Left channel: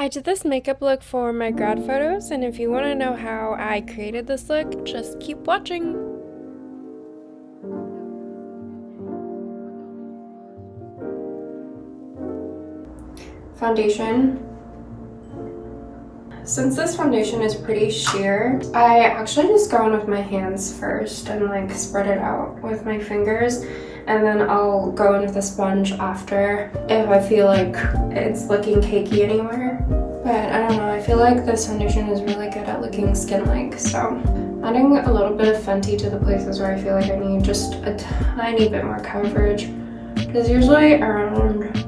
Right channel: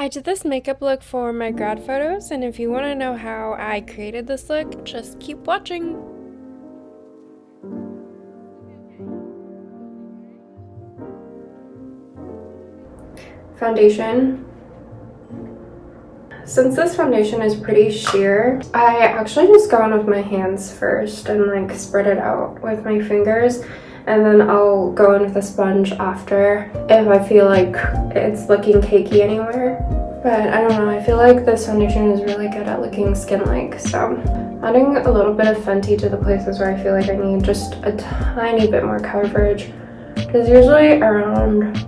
I did this makeup look for my grad photos, and if you want to know how I created this look, just keep watching. Foundation. Since this foundation is pretty sheer, I actually just go in with my hands first and like spread it out with my fingers, and then I'll go in with a sponge after if I feel like it's looking cakey anywhere. But I don't know, I feel like this foundation is really good at looking skin-like, so adding a little bit of Fenty to the places where I feel like I need just a tiny bit more coverage, because usually around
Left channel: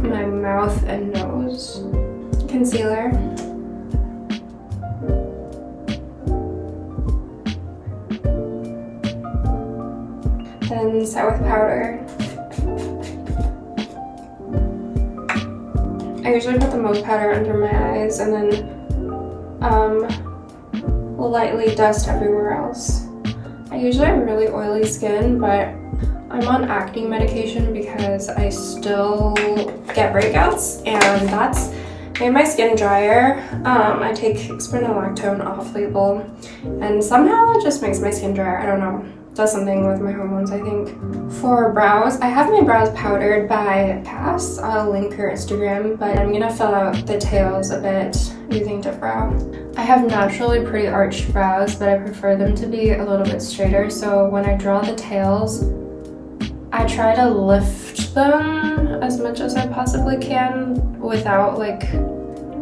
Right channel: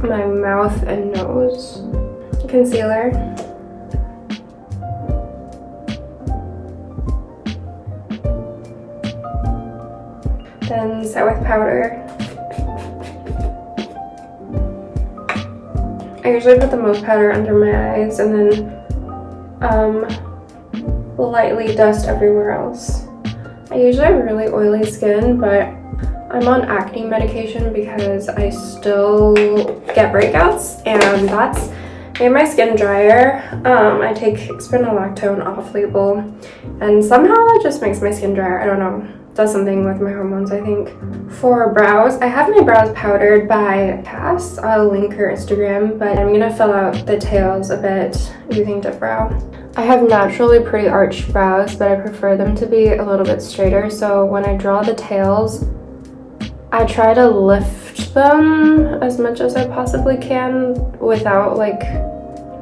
my mouth and nose. Concealer. Then set with powder. I usually put the most powder under my eyes and then lightly dust everywhere else. I usually have really oily skin, but I'm on acne medication because I still get breakouts, and that's made my skin drier. I take spironolactone off label, and somehow that just makes my skin drier. I don't know. It does something with my hormones, I think. For brows, I have my brows powdered by Pass. I'll link her Instagram, but I'm gonna fill out the tails a bit using Dip Brow. I have naturally pretty arched brows, but I prefer them to be a little bit straighter, so when I draw the tails, I try to lift them as much as I possibly can without like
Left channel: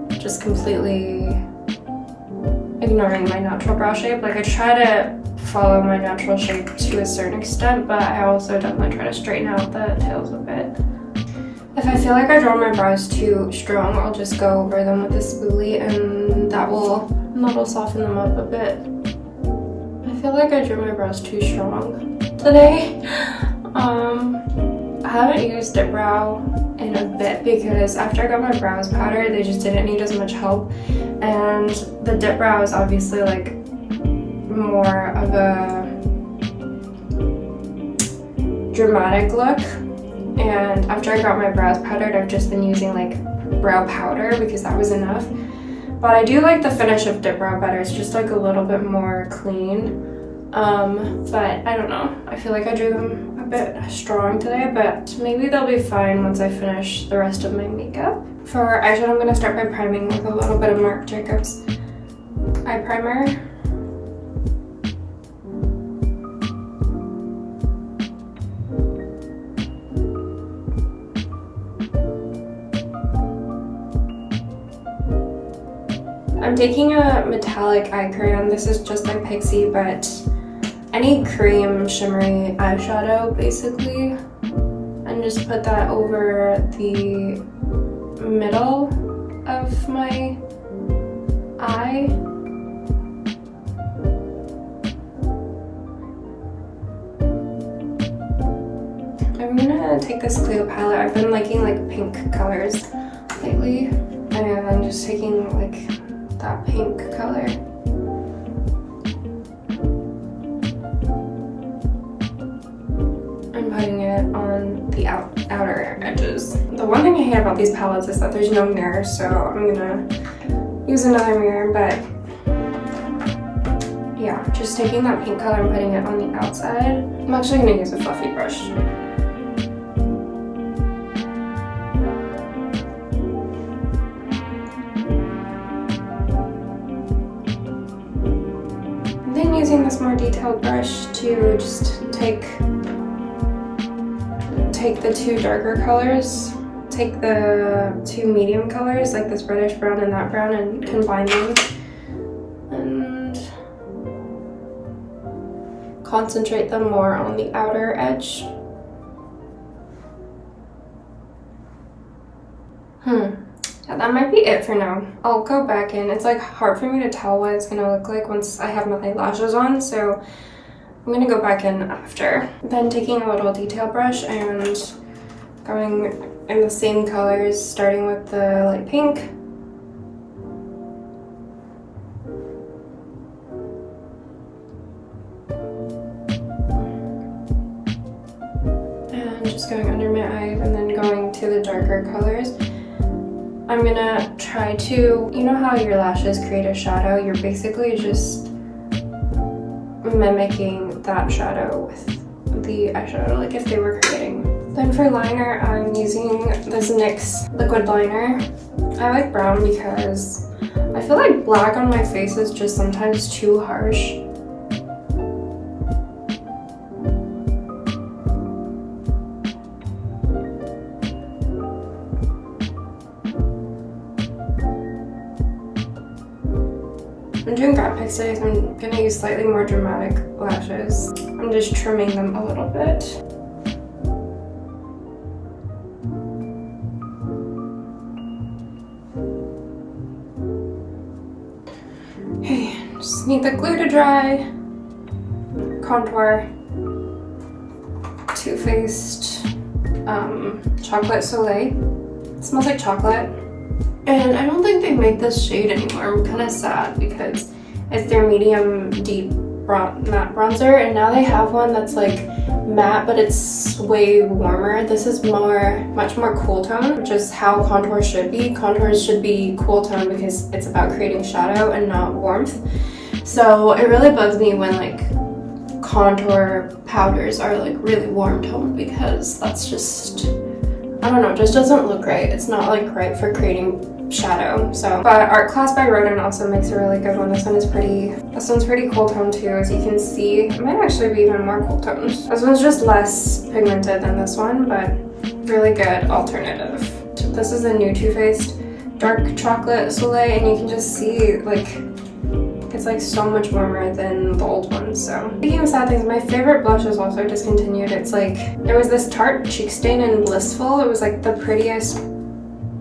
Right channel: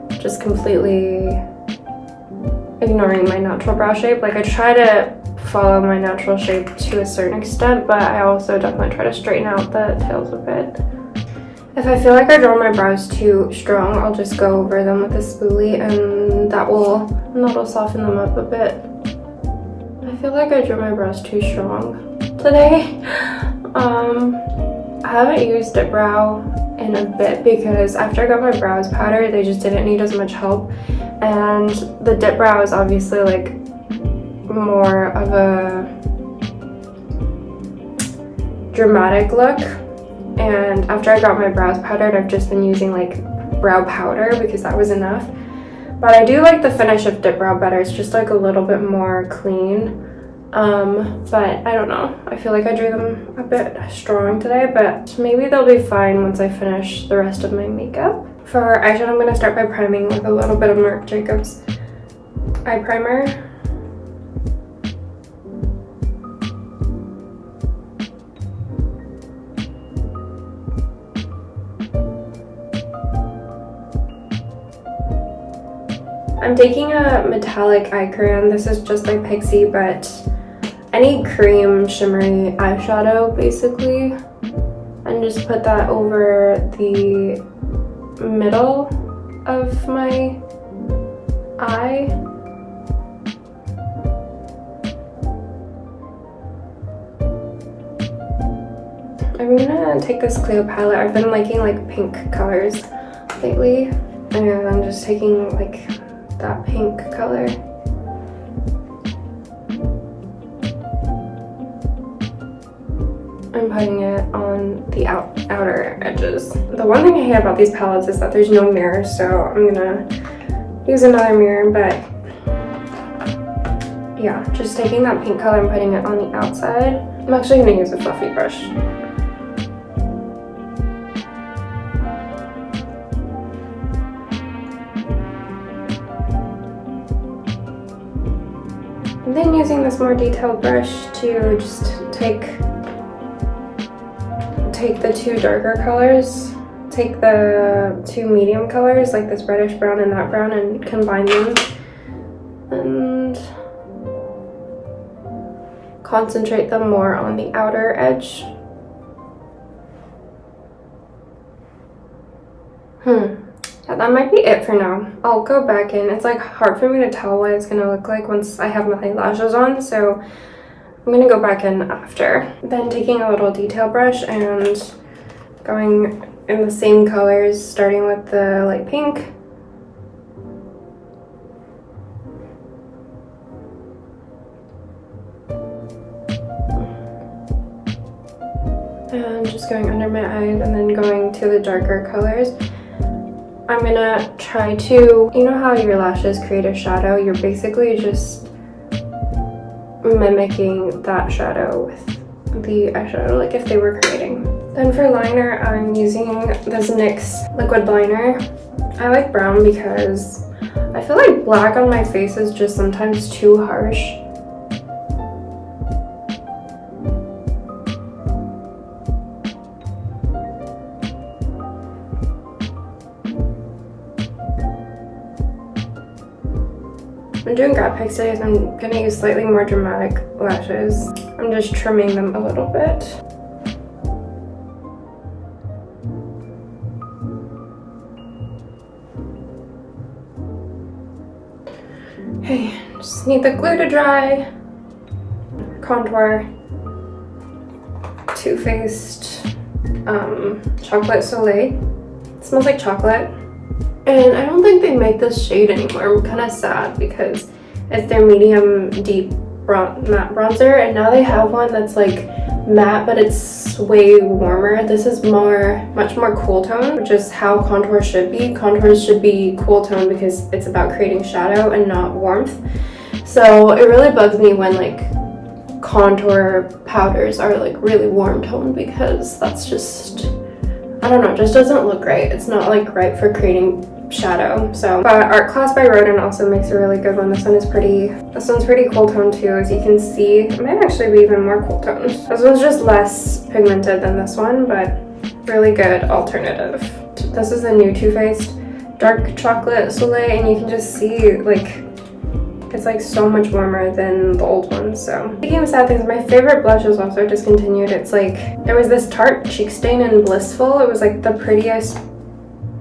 just completely ignoring my natural brow shape. Like I try to follow my natural shape to a certain extent, but I also definitely try to straighten out the tails a bit. If I feel like I draw my brows too strong, I'll just go over them with a spoolie, and that'll soften them up a bit. I feel like I drew my brows too strong today. I haven't used Dip Brow in a bit because after I got my brows powdered, they just didn't need as much help, and the Dip Brow is obviously like more of a dramatic look, and after I got my brows powdered, I've just been using like brow powder because that was enough. But I do like the finish of Dip Brow better. It's just like a little bit more clean. But I don't know, I feel like I drew them a bit strong today, but maybe they'll be fine once I finish the rest of my makeup. For eyeshadow, I'm going to start by priming with a little bit of Marc Jacobs eye primer. I'm taking a metallic eye crayon. This is just by Pixie, but any cream shimmery eyeshadow basically, and just put that over the middle of my eye. I'm gonna take this Cleo palette. I've been liking like pink colors lately, and I'm just taking like that pink color. I'm putting it on the outer edges. The one thing I hate about these palettes is that there's no mirror, so I'm gonna use another mirror, but yeah, just taking that pink color and putting it on the outside. I'm actually gonna use a fluffy brush. And then using this more detailed brush to just take the two darker colors, take the two medium colors, like this reddish brown and that brown, and combine them and concentrate them more on the outer edge. Yeah, that might be it for now. I'll go back in. It's like hard for me to tell what it's gonna look like once I have my lashes on, so I'm gonna go back in after. Then taking a little detail brush and going in the same colors, starting with the light pink. And just going under my eyes and then going to the darker colors. I'm gonna try to, you know how your lashes create a shadow? You're basically just mimicking that shadow with the eyeshadow, like if they were creating. Then for liner, I'm using this NYX liquid liner. I like brown because I feel like black on my face is just sometimes too harsh. I'm doing grad pics today, so I'm gonna use slightly more dramatic lashes. I'm just trimming them a little bit. Okay, just need the glue to dry. Contour. Too Faced Chocolate Soleil. It smells like chocolate. And I don't think they make this shade anymore. I'm kind of sad because it's their medium deep matte bronzer, and now they have one that's like matte, but it's way warmer. This is much more cool tone, which is how contour should be. Contours should be cool tone because it's about creating shadow and not warmth. So it really bugs me when like contour powders are like really warm tone, because that's just, I don't know, it just doesn't look great. It's not like right for creating shadow. So, but Art Class by Rodin also makes a really good one. This one's pretty cool tone too, as you can see. It might actually be even more cool toned. This one's just less pigmented than this one, but really good alternative. This is a new Too Faced Dark Chocolate Soleil, and you can just see like it's like so much warmer than the old one. So speaking of sad things, my favorite blush is also discontinued. It's like, it was this Tarte Cheek Stain in Blissful. It was like the prettiest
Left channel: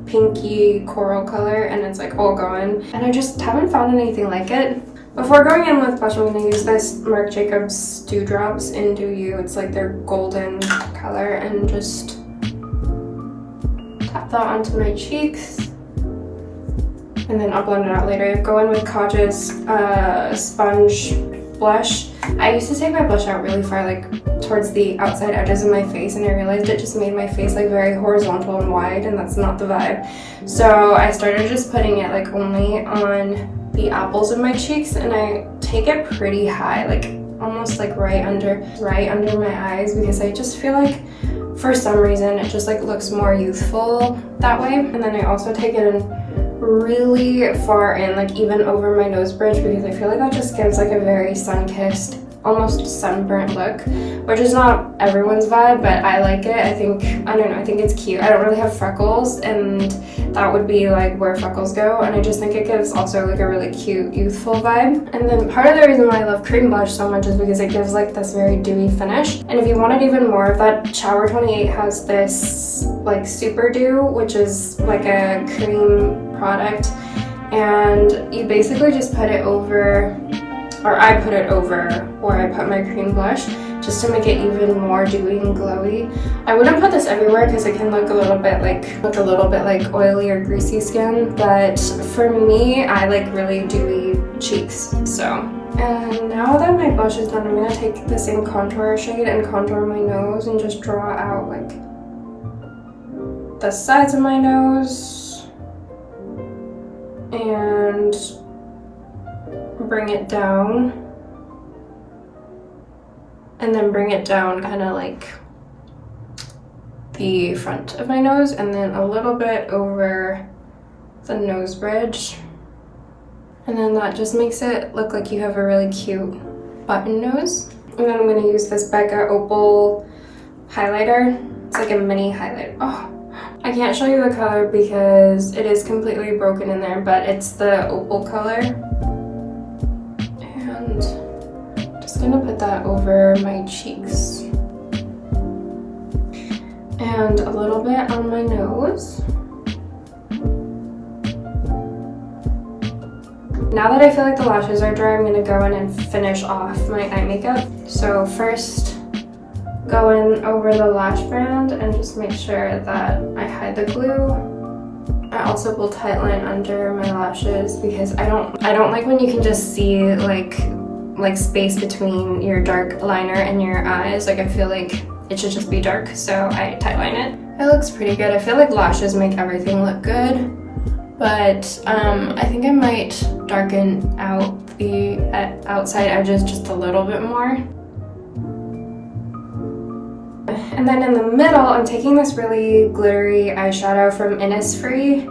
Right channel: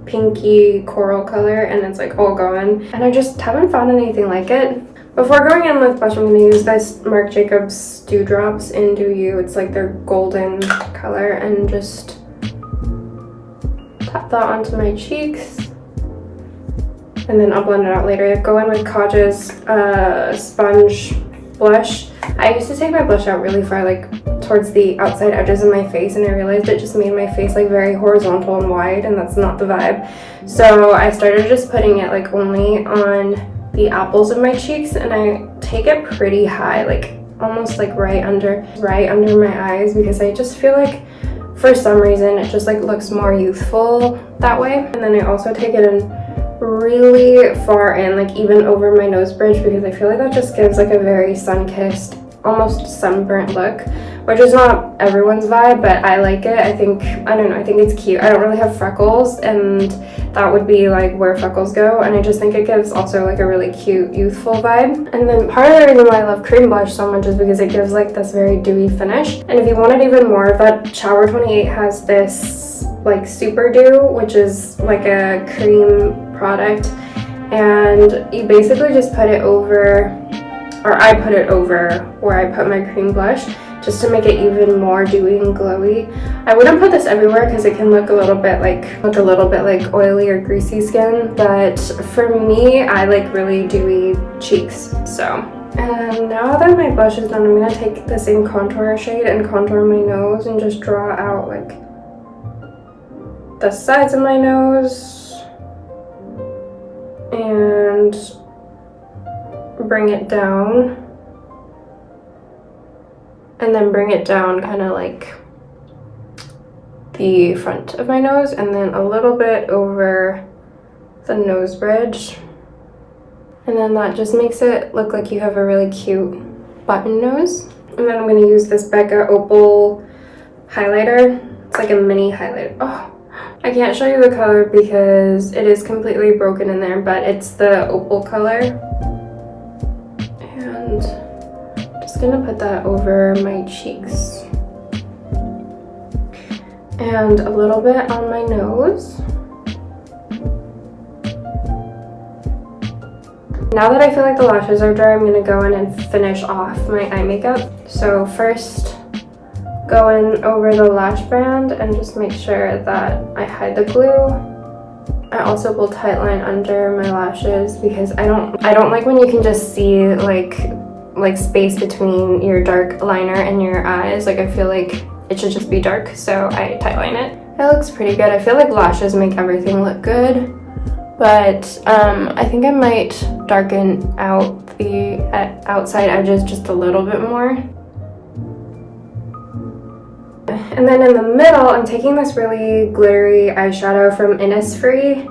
pinky coral color, and it's like all gone, and I just haven't found anything like it. Before going in with blush, I'm going to use this Marc Jacobs Dewdrops in Do You. It's like their golden color, and just tap that onto my cheeks, and then I'll blend it out later. I go in with Kaj's sponge blush. I used to take my blush out really far, like towards the outside edges of my face, and I realized it just made my face like very horizontal and wide, and that's not the vibe. So I started just putting it like only on the apples of my cheeks, and I take it pretty high, like almost like right under my eyes, because I just feel like for some reason it just like looks more youthful that way. And then I also take it in really far in, like even over my nose bridge, because I feel like that just gives like a very sun-kissed, almost sunburnt look, which is not everyone's vibe, but I like it. I think it's cute. I don't really have freckles, and that would be like where freckles go, and I just think it gives also like a really cute youthful vibe. And then part of the reason why I love cream blush so much is because it gives like this very dewy finish. And if you wanted even more of that, Shower 28 has this like Super Dew, which is like a cream product, and you basically just put it over, or I put it over where I put my cream blush, just to make it even more dewy and glowy. I wouldn't put this everywhere because it can look a little bit like oily or greasy skin, but for me, I like really dewy cheeks. So, and now that my blush is done, I'm gonna take the same contour shade and contour my nose and just draw out like the sides of my nose and bring it down, and then bring it down kind of like the front of my nose, and then a little bit over the nose bridge, and then that just makes it look like you have a really cute button nose. And then I'm going to use this Becca Opal highlighter. It's like a mini highlight. Oh, I can't show you the color because it is completely broken in there, but it's the opal color. And just gonna put that over my cheeks. And a little bit on my nose. Now that I feel like the lashes are dry, I'm gonna go in and finish off my eye makeup. So first, go in over the lash band and just make sure that I hide the glue. I also will tightline under my lashes because I don't like when you can just see like space between your dark liner and your eyes. Like I feel like it should just be dark, so I tightline it. It looks pretty good. I feel like lashes make everything look good. but I think I might darken out the outside edges just a little bit more. And then in the middle, I'm taking this really glittery eyeshadow from Innisfree,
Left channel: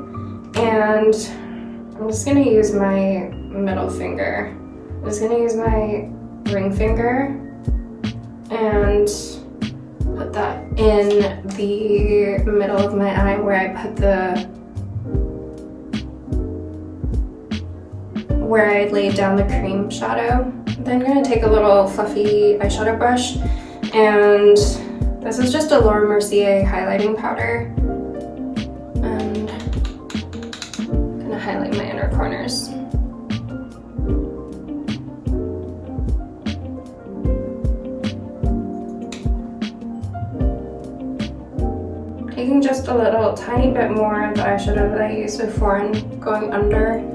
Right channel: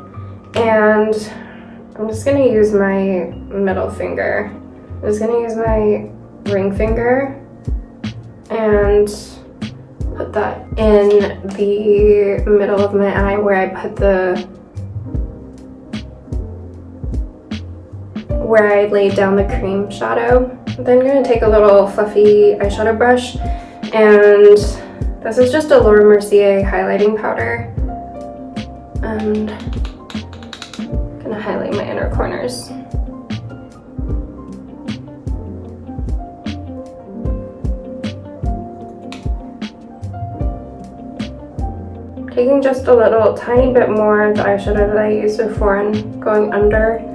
and I'm just gonna use my middle finger. I'm just gonna use my ring finger and put that in the middle of my eye where I put where I laid down the cream shadow. Then I'm gonna take a little fluffy eyeshadow brush, and this is just a Laura Mercier highlighting powder, and I'm gonna highlight my inner corners. Taking just a little tiny bit more of the eyeshadow that I used before and going under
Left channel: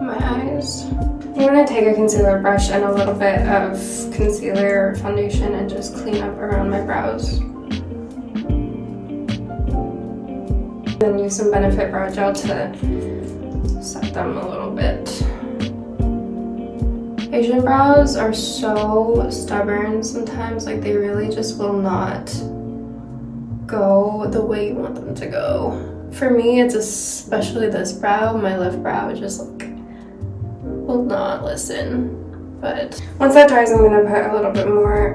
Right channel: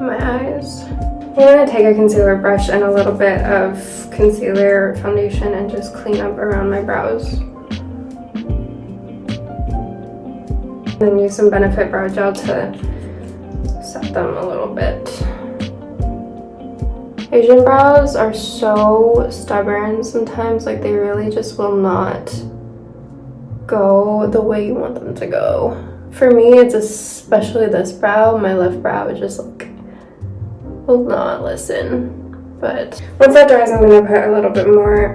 my eyes. I'm gonna take a concealer brush and a little bit of concealer foundation and just clean up around my brows. Then use some Benefit Brow Gel to set them a little bit. Asian brows are so stubborn sometimes, like they really just will not go the way you want them to go. For me, it's especially this brow. My left brow is just like will not listen. But once that dries, I'm gonna put a little bit more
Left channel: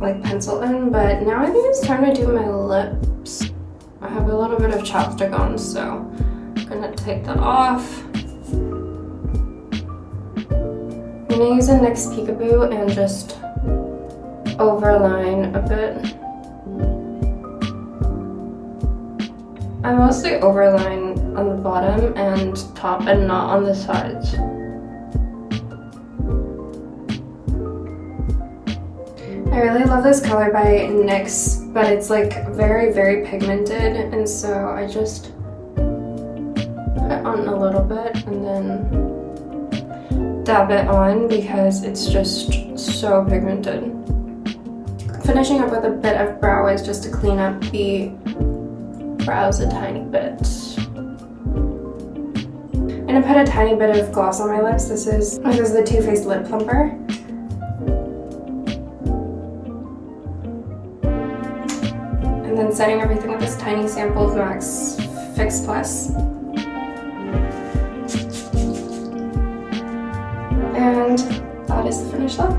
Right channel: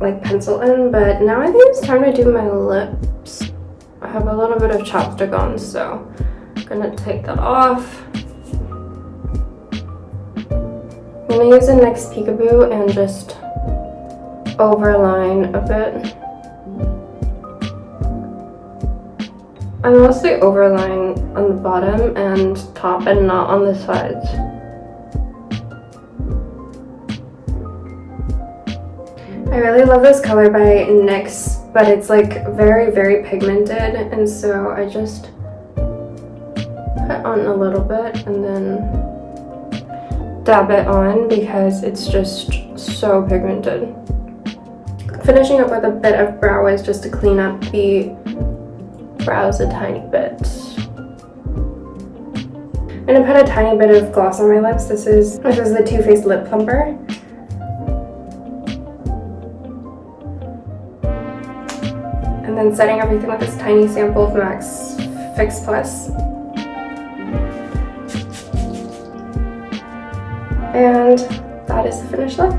like pencil in. But now I think it's time to do my lips. I have a little bit of chapstick on, so I'm gonna take that off. I'm gonna use the NYX Peekaboo and just overline a bit. I mostly overline on the bottom and top and not on the sides. I really love this color by NYX, but it's like very, very pigmented, and so I just put on a little bit and then dab it on because it's just so pigmented. Finishing up with a bit of brow wize just to clean up the brows a tiny bit. I'm gonna put a tiny bit of gloss on my lips. This is the Too Faced Lip Plumper. And then setting everything with this tiny sample of MAC's Fix Plus. And that is the finished look.